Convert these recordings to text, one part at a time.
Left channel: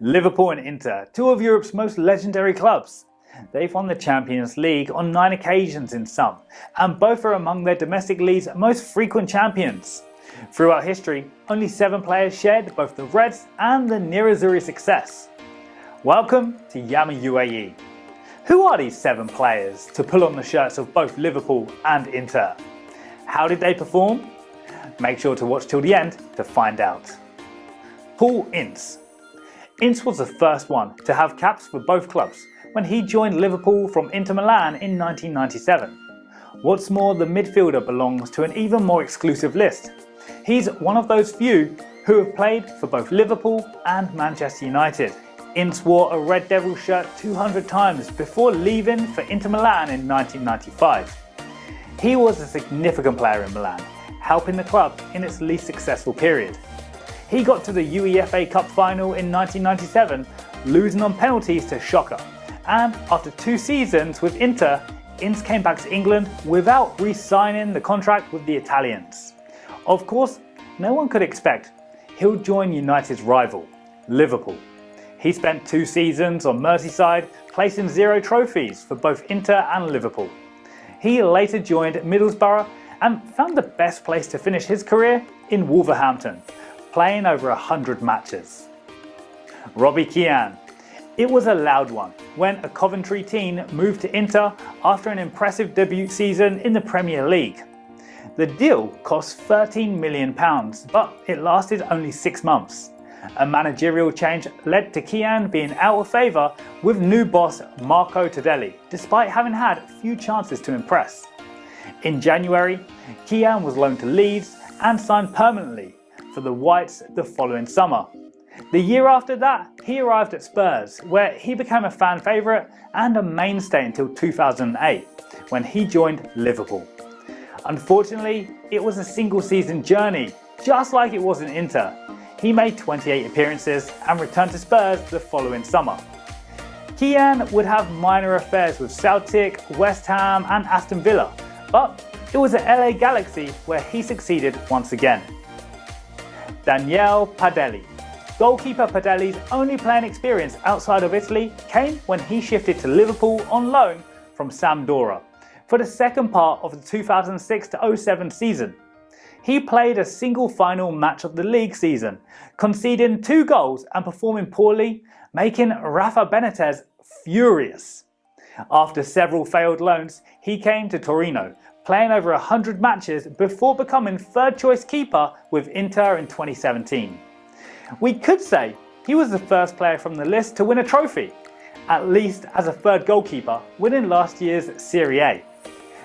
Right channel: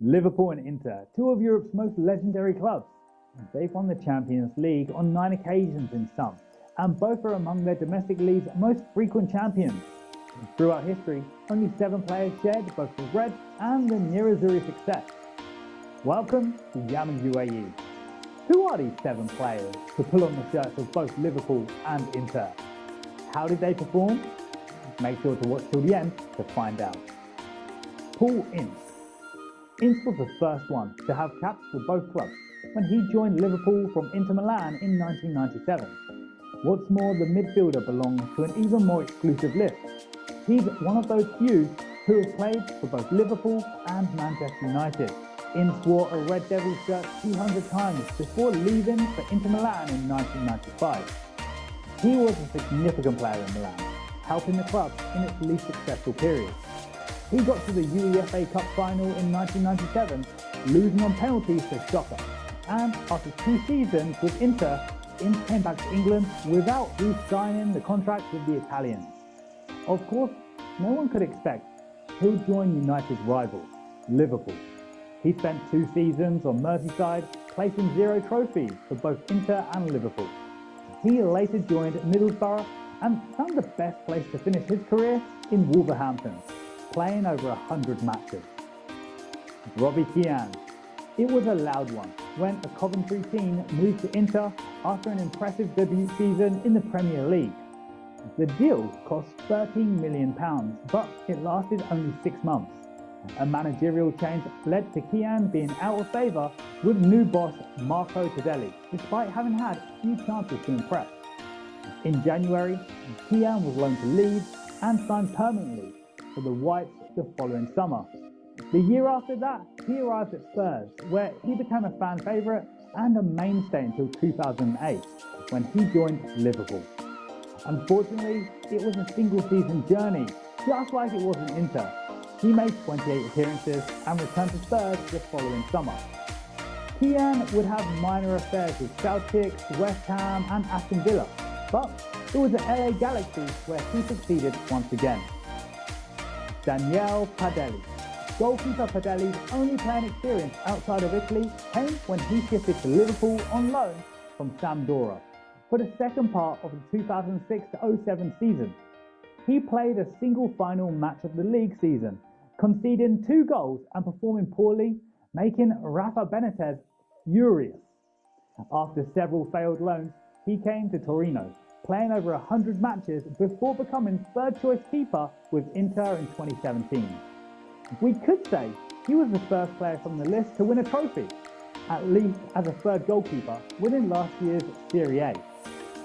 Liverpool and Inter, two of Europe's most legendary clubs. They've won the Champions League on 9 occasions in sum, and both are among their domestic league's most frequent champions. Throughout history, only 7 players shared both the Reds and the Nerazzurri success. Welcome to Yama UAE. Who are these 7 players to pull on the shirts of both Liverpool and Inter? How did they perform? Make sure to watch till the end to find out. Paul Ince. Ince was the first one to have caps for both clubs when he joined Liverpool from Inter Milan in 1997. What's more, the midfielder belongs to an even more exclusive list. He's one of those few who have played for both Liverpool and Manchester United. Ince wore a Red Devil shirt 200 times before leaving for Inter Milan in 1995. He was a significant player in Milan, helping the club in its least successful period. He got to the UEFA Cup final in 1997, losing on penalties to Shaqiri. And after 2 seasons with Inter, Ince came back to England without re-signing the contract with the Italians. Of course, no one could expect he'll join United's rival, Liverpool. He spent 2 seasons on Merseyside, placing 0 trophies for both Inter and Liverpool. He later joined Middlesbrough and found the best place to finish his career in Wolverhampton, playing over 100 matches. Robbie Kian. It was a loud one when a Coventry teen moved to Inter after an impressive debut season in the Premier League. The deal cost £13 million, but it lasted only 6 months. A managerial change led to Kian being out of favour with new boss Marco Padelli, despite having had few chances to impress. In January, Kian was loaned to Leeds and signed permanently for the Whites the following summer. The year after that, he arrived at Spurs, where he became a fan favourite and a mainstay until 2008, when he joined Liverpool. Unfortunately, it was a single season journey, just like it was in Inter. He made 28 appearances and returned to Spurs the following summer. Kian would have minor affairs with Celtic, West Ham and Aston Villa, but it was at LA Galaxy where he succeeded once again. Danielle Padelli. Goalkeeper Padelli's only playing experience outside of Italy came when he shifted to Liverpool on loan from Sampdoria for the second part of the 2006-07 season. He played a single final match of the league season, conceding 2 goals and performing poorly, making Rafa Benitez furious. After several failed loans, he came to Torino, playing over 100 matches before becoming third-choice keeper with Inter in 2017. We could say he was the first player from the list to win a trophy, at least as a third goalkeeper, winning last year's Serie A.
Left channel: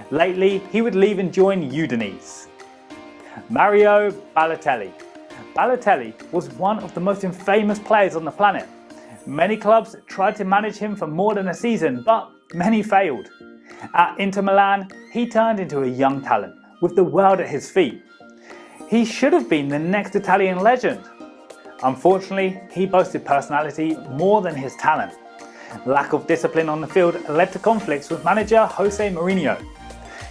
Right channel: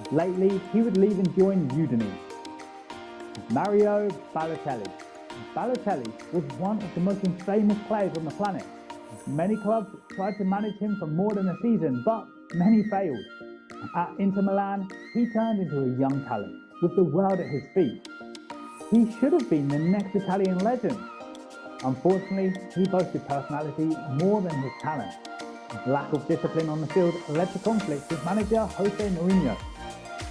Lately, he would leave and join Udinese. Mario Balotelli. Balotelli was one of the most infamous players on the planet. Many clubs tried to manage him for more than a season, but many failed. At Inter Milan, he turned into a young talent with the world at his feet. He should have been the next Italian legend. Unfortunately, he boasted personality more than his talent. Lack of discipline on the field led to conflicts with manager Jose Mourinho.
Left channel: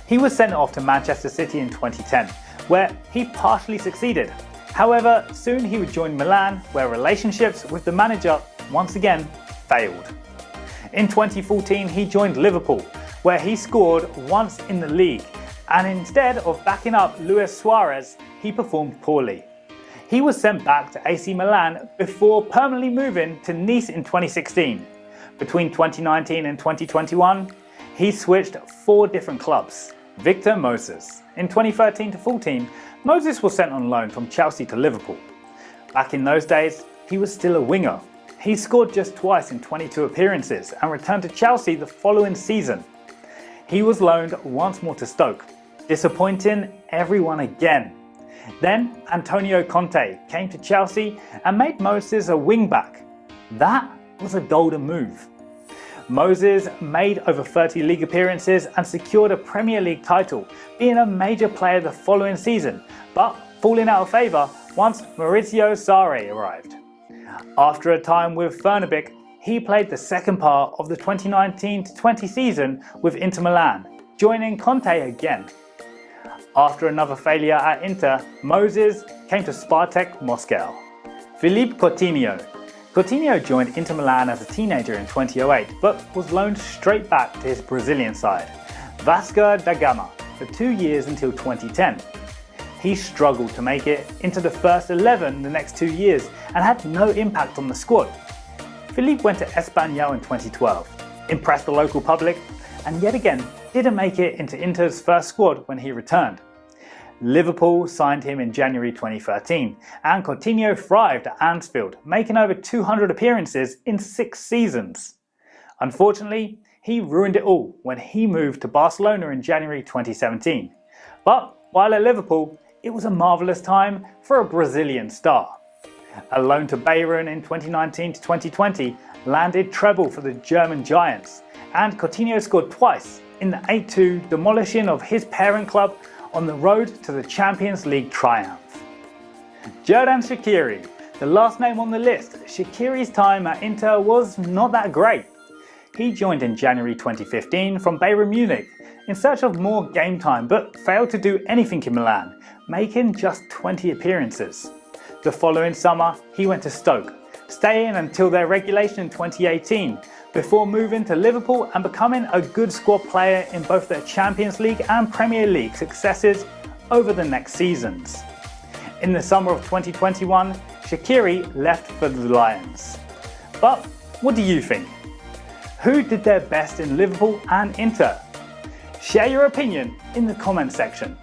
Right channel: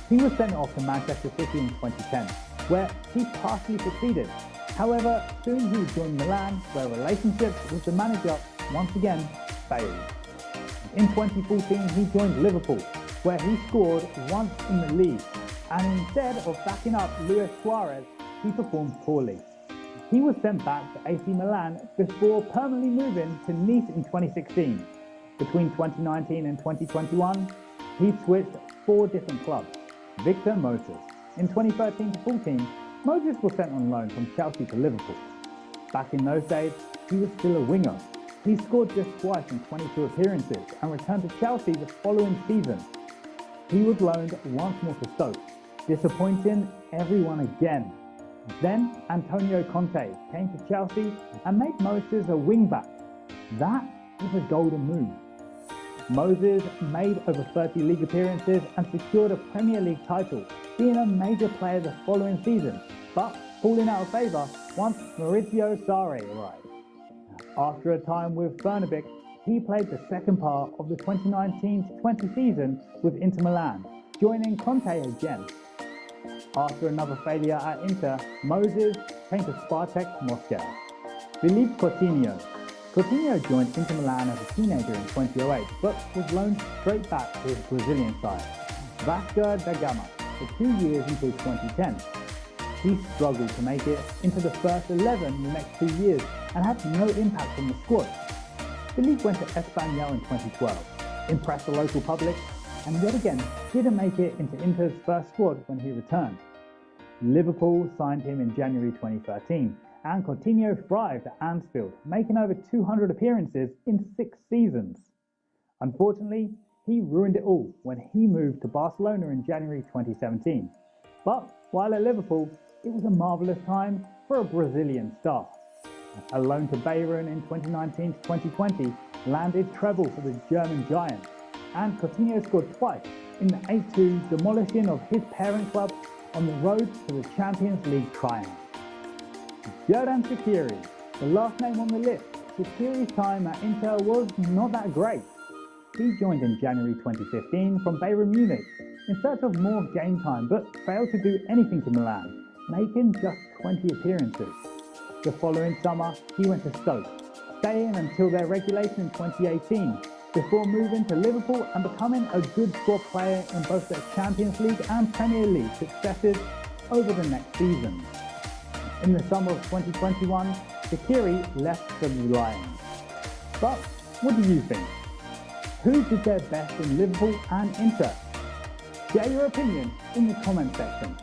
He was sent off to Manchester City in 2010, where he partially succeeded. However, soon he would join Milan, where relationships with the manager once again failed. In 2014, he joined Liverpool, where he scored once in the league, and instead of backing up Luis Suarez, he performed poorly. He was sent back to AC Milan before permanently moving to Nice in 2016. Between 2019 and 2021, he switched 4 different clubs. Victor Moses. In 2013-14, Moses was sent on loan from Chelsea to Liverpool. Back in those days, he was still a winger. He scored just twice in 22 appearances and returned to Chelsea the following season. He was loaned once more to Stoke, disappointing everyone again. Then Antonio Conte came to Chelsea and made Moses a wing-back. That was a golden move. Moses made over 30 league appearances and secured a Premier League title, being a major player the following season, but falling out of favour once Maurizio Sarri arrived. After a time with Fernabich, he played the second part of the 2019-20 season with Inter Milan, joining Conte again. After another failure at Inter, Moses came to Spartak Moscow. Philippe Coutinho. Coutinho joined Inter Milan as a teenager in 2008, but was loaned straight back to his Brazilian side, Vasco da Gama, for 2 years until 2010. He struggled to make it into the first 11 the next 2 years and had no impact on the squad. Philippe went to Espanyol in 2012, impressed the local public, and yet again didn't make it into Inter's first squad when he returned. Liverpool signed him in January 2013, and Coutinho thrived at Anfield, making over 200 appearances in 6 seasons. Unfortunately, he ruined it all when he moved to Barcelona in January 2017. But while at Liverpool, it was a marvellous time for a Brazilian star. A loan to Bayern in 2019 to 2020 landed treble for the German Giants, and Coutinho scored twice in the 8-2 demolishing of his parent club on the road to the Champions League triumph. Xherdan Shaqiri, the last name on the list. Shaqiri's time at Inter was not that great. He joined in January 2015 from Bayern Munich in search of more game time, but failed to do anything in Milan, making just 20 appearances. The following summer, he went to Stoke, staying until their relegation in 2018, before moving to Liverpool and becoming a good squad player in both their Champions League and Premier League successes over the next seasons. In the summer of 2021, Shaqiri left for the Lions. But what do you think? Who did their best in Liverpool and Inter? Share your opinion in the comment section.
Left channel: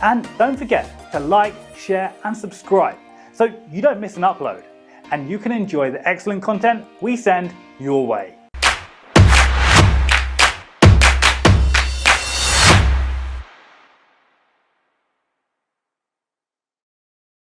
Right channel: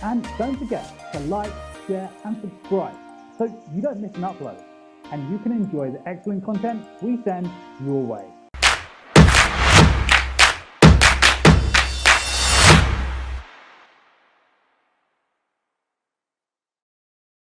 And don't forget to like, share and subscribe so you don't miss an upload and you can enjoy the excellent content we send your way.